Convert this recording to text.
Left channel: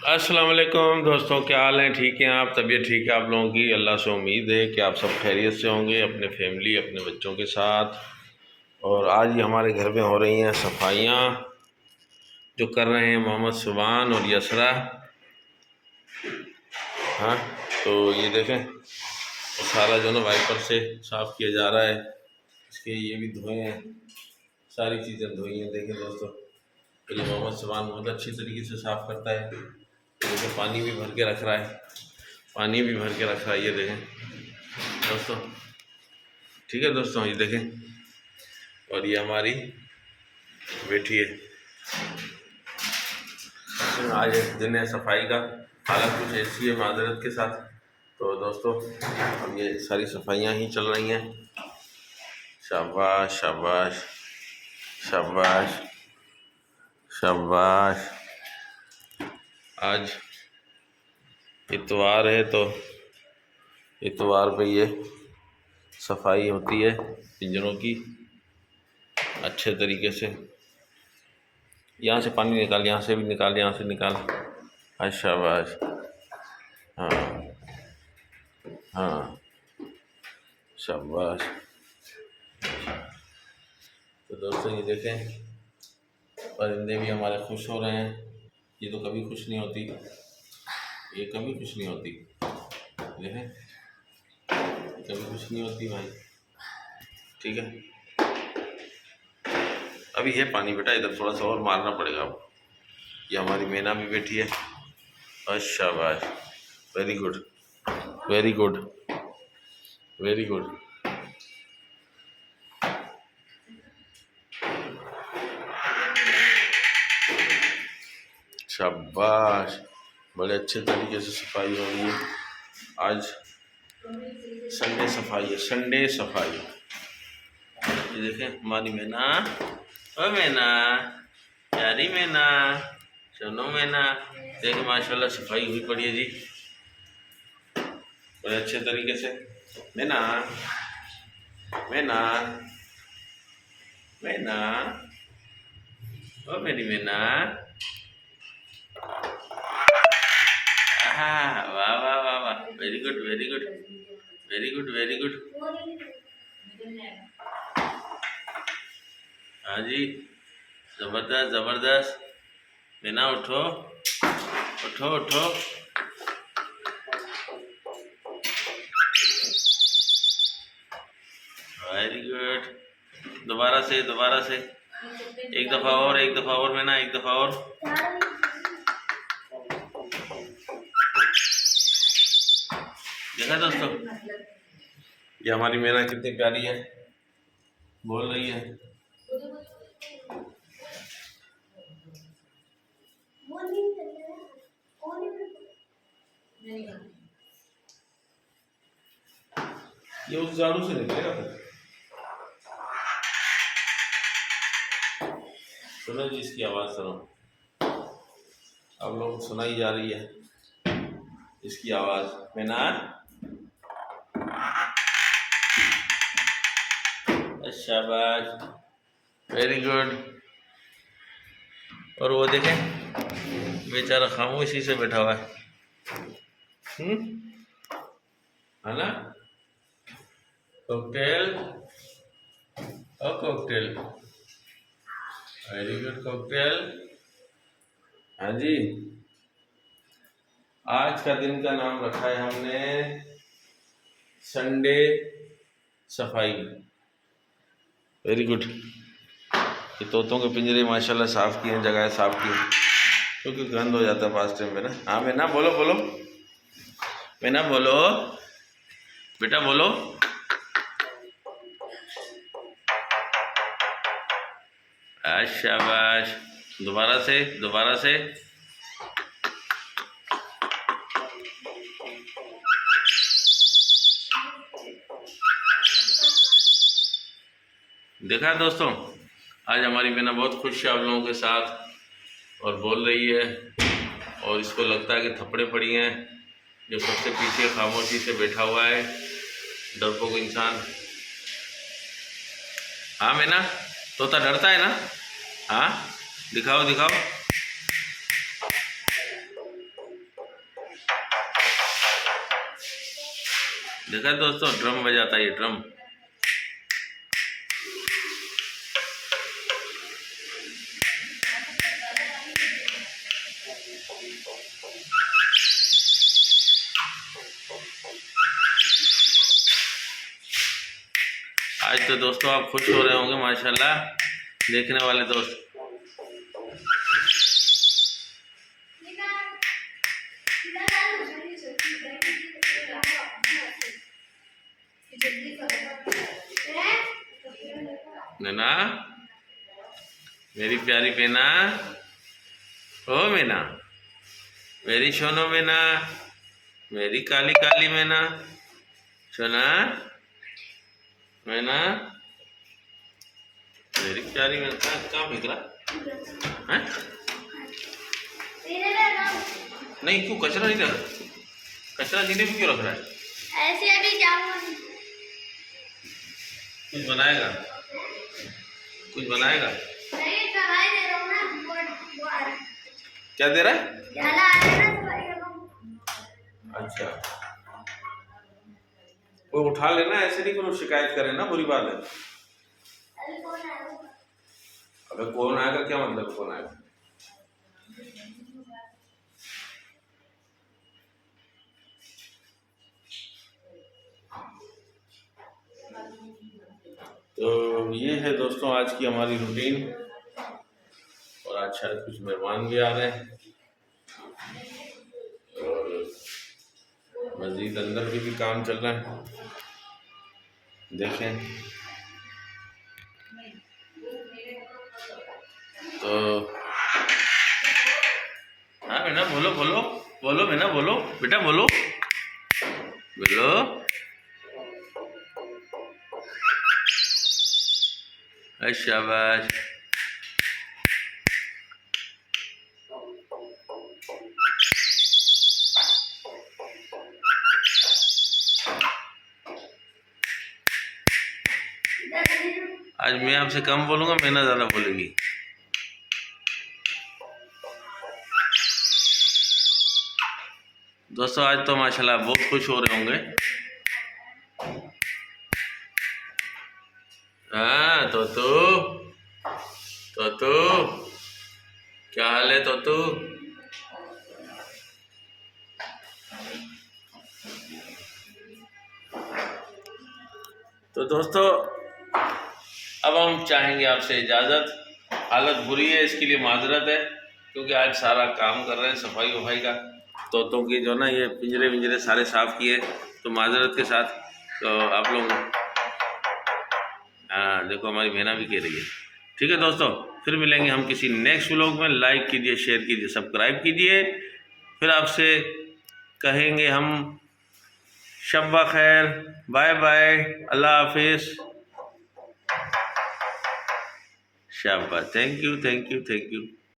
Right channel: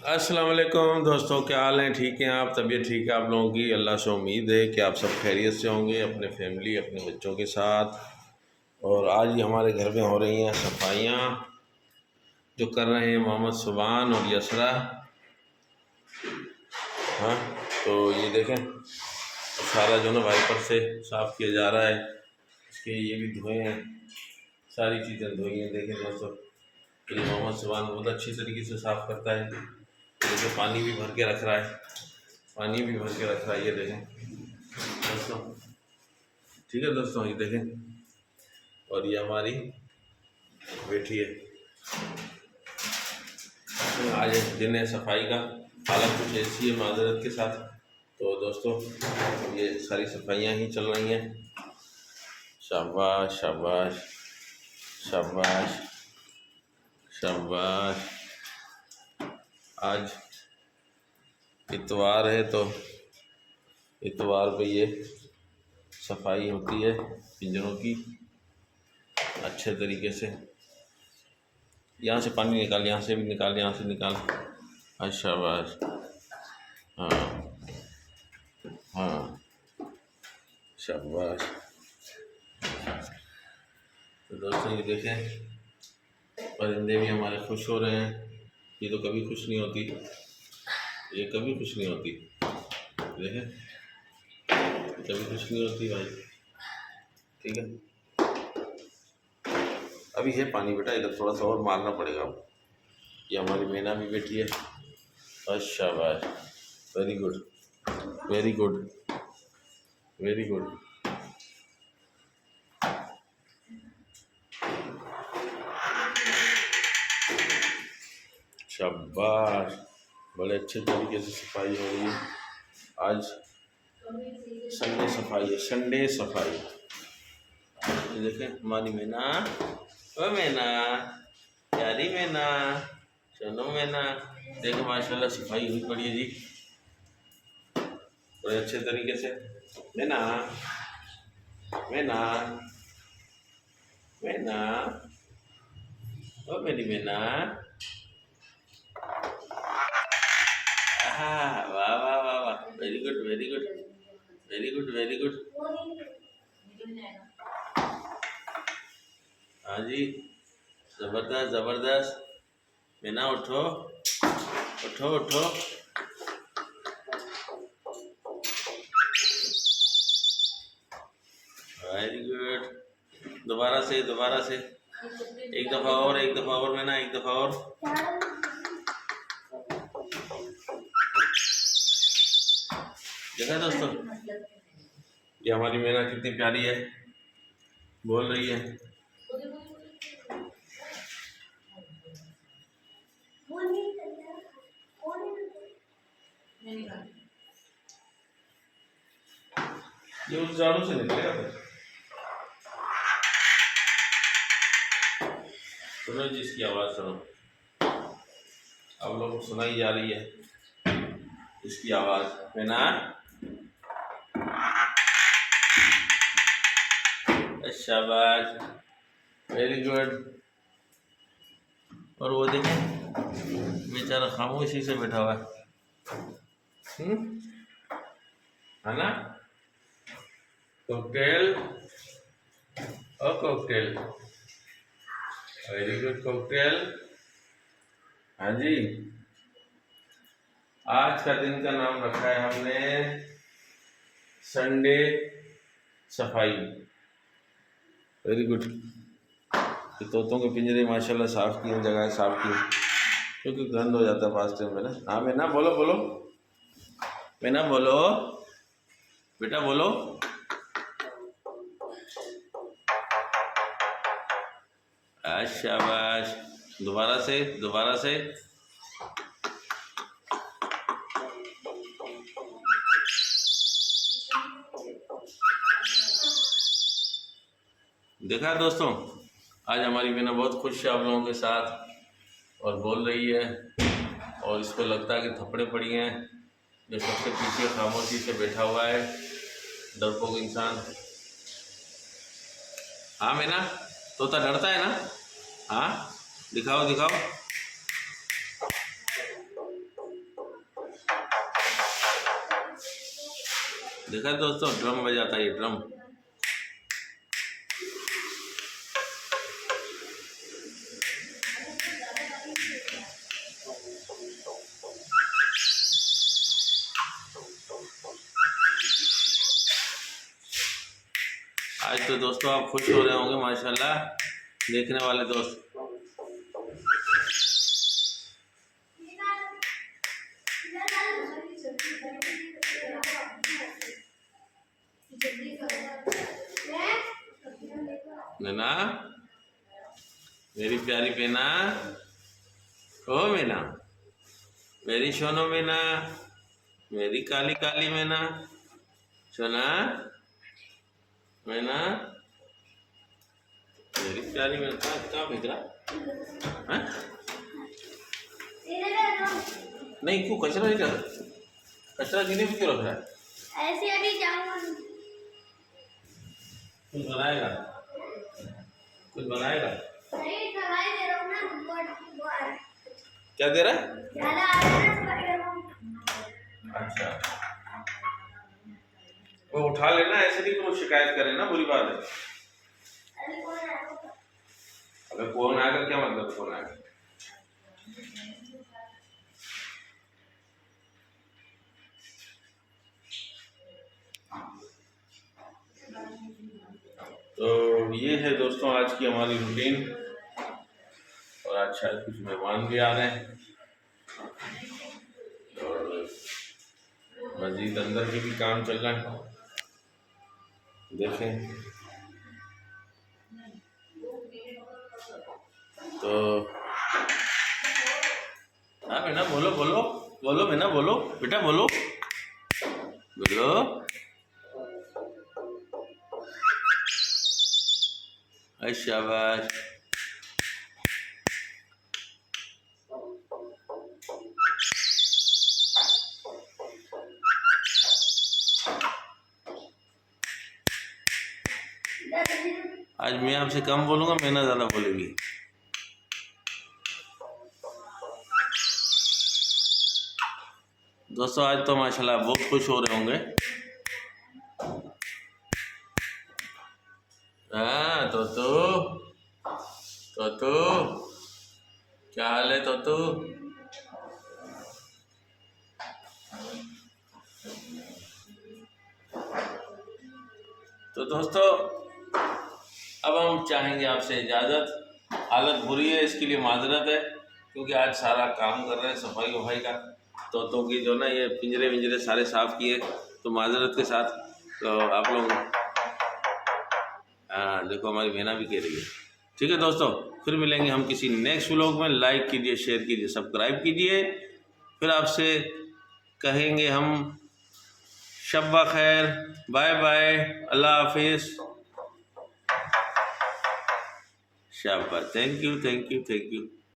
अस्सलाम वालेकुम दोस्तों, क्या हाल है? ठीक हैं आप? तबीयत ठीक है आप लोगों की? अल्लाह से उम्मीद है कि आप सब खैरियत से होंगे अपने फैमिली अपने बच्चों के साथ। और आज ही हमारे घर में हो रही हैं सफाइयाँ, जो कर रहे हैं मोहम्मद सुबान और यसरा। हाँ, तो ये देखें, सारा जो ना वाइपर से साफ़ किया जा रहा है। इसके ये भी धोए हैं, सारी चीज़ें धोई हैं। देखें दोस्तों, तो ये मोहम्मद सुबान बहुत अच्छी तरीके से साफ़ करता है। देखिए पानी भी भर के रख रहा है, पानी भी भर के रख रहा है। ये देखें दोस्तों, ठीक है दोस्तों, ये देखें। और ये हमारी बेटी है। आज दिन है सफाई का, हालत कुछ ऐसी है माजरत के साथ। तो दोस्तों, अब ये सारी सफाइयाँ ही चल रही हैं। शाबाश शाबाश शाबाश शाबाश। आज इतवार है, तो इतवार पे ये सफाई होती है पिंजरों की अच्छे तरीके से। यहाँ से पानी निकाल, यहाँ से भी निकाल, यहाँ से निकाल। हाँ शाबाश। हाँ हाँ शाबाश। तो दोस्तों ये देखें, परिंदे भी हमारे खुश हो रहे हैं। ये तो कभी खुश नहीं होती, ये कभी खुश नहीं होती। देखें, कभी खुश नहीं होती भाई। ठीक है, अभी है पानी बेटा, इधर थोड़ा सा और मारना पड़ेगा आपको। ये हमारी मैना भी बैठी है। अच्छा भाई, very good very good very good. शाबाश, बड़े अच्छे तरीके से सफाई हो रही है। आज संडे सफाई है, संडे सफाई। ये देखें हमारी मैना, ओ मैना, प्यारी मैना, सुनो मैना। देखें माशाल्लाह सफाई हुई पड़ी है जी, बड़े अच्छे तरीके से। मैना मैना मैना, ओ मेरी मैना। वाह वाह वाह वाह, very good very good very good very good. हाँ जी, जबरदस्त जबरदस्त। मैना उठो उठो उठो। Very good. दोबारा से दोबारा से, एक दफ़ा और, एक दफ़ा और मैना, एक दफ़ा और। देखा दोस्तों, ये हमारी मैना कितनी प्यारी है, बोल रही है। ये उस झाड़ू से निकलेगा फिर। सुनो जी, इसकी आवाज़ सुनो, आप लोगों को सुनाई जा रही है इसकी आवाज़। मैना, शाबाश, वेरी गुड। और वो देखें बेचारा खामोशी से बैठा हुआ है ना। कॉकटेल, ओ कॉकटेल, वेरी गुड कॉकटेल। हाँ जी, आज का दिन का नाम रखा है हमने संडे सफाई। Very good. ये तोतों के पिंजरे माशाल्लाह साफ़ किए हैं, जगह साफ़ की, क्योंकि गंद हो जाता है पास टाइम पे ना। हाँ मैना बोलो बोलो, मैना बोलो बेटा बोलो। शाबाश, दोबारा से दोबारा से। देखा दोस्तों, आज हमारी मैना बहुत खुश है आप लोगों के साथ और बोल रही है। और इसको लगता है कि थप्पड़े पड़ी हैं, जो सबसे पीछे खामोशी से बैठा हुआ है डरपोक इंसान। हाँ मैना, तोता डरता है ना? हाँ, दिखाओ दिखाओ। देखा दोस्तों, ड्रम बजाता है ये ड्रम। आज तो दोस्तों आप खुश हो रहे होंगे माशाल्लाह, देखने वाले दोस्त। नैना, मेरी प्यारी मैना, ओ मैना, मेरी सोनो मैना, मेरी काली काली मैना, सोना मैना, मेरी प्यारी मैना। कहाँ फेंक रहा है? नहीं, क्यों कचरा नहीं रख, कचरा जीने में क्यों रख रहा है? ऐसे अभी जाऊंगा। कुछ बनाएगा, कुछ बनाएगा? नहीं, दवाई दे रहा हूँ ना। क्या दे रहा है? ज्यादा आ रहा है ना, दवाई दे रहा हूँ। अच्छा, वो उठा लेना, ऐसे नहीं करो, शिकायत करे ना, बुरी बात है। अरे कौन आएगा? अबे कौन आएगा, क्या मतलब कौन आएगा? तो ये है दोस्तों आज की हमारी रूटीन, और आज शायद कुछ मेहमान भी आ रहे हैं, और मस्जिद अंदर भी काम चल रहा है, देखें। तो हाँ बेटा, बोलो बोलो बोलो बेटा, बोलो बेटा, बोलो बोलो। शाबाश। आज मैं आपसे कम बोलूंगा, मैना ज्यादा बोलेगी। दोस्तों आज तो माशाल्लाह बहुत खुश हो रहे होंगे। हाँ तोतू, तोतू क्या हाल है तोतू? तो दोस्तों अब हम चाहेंगे आपसे इजाज़त। हालत बुरी है, इसके लिए माजरत है, क्योंकि आज सारा काम कर रहे हैं सफाई वफाई का, तोतों की जो ना ये पिंजरे विंजरे सारे साफ़ किए, तो माजरत के साथ। तो आप लोग हाँ देखो, हमारी बहना भी कह रही है। ठीक है दोस्तों, फिर मिलेंगे हम किसी नेक्स्ट व्लॉग में। लाइक कीजिए, शेयर कीजिए, सब्सक्राइब कीजिए। फिर आपसे कहेंगे हम शब्बा खैर, बाय बाय, अल्लाह हाफिज़, शाबाश, thank you thank you thank you.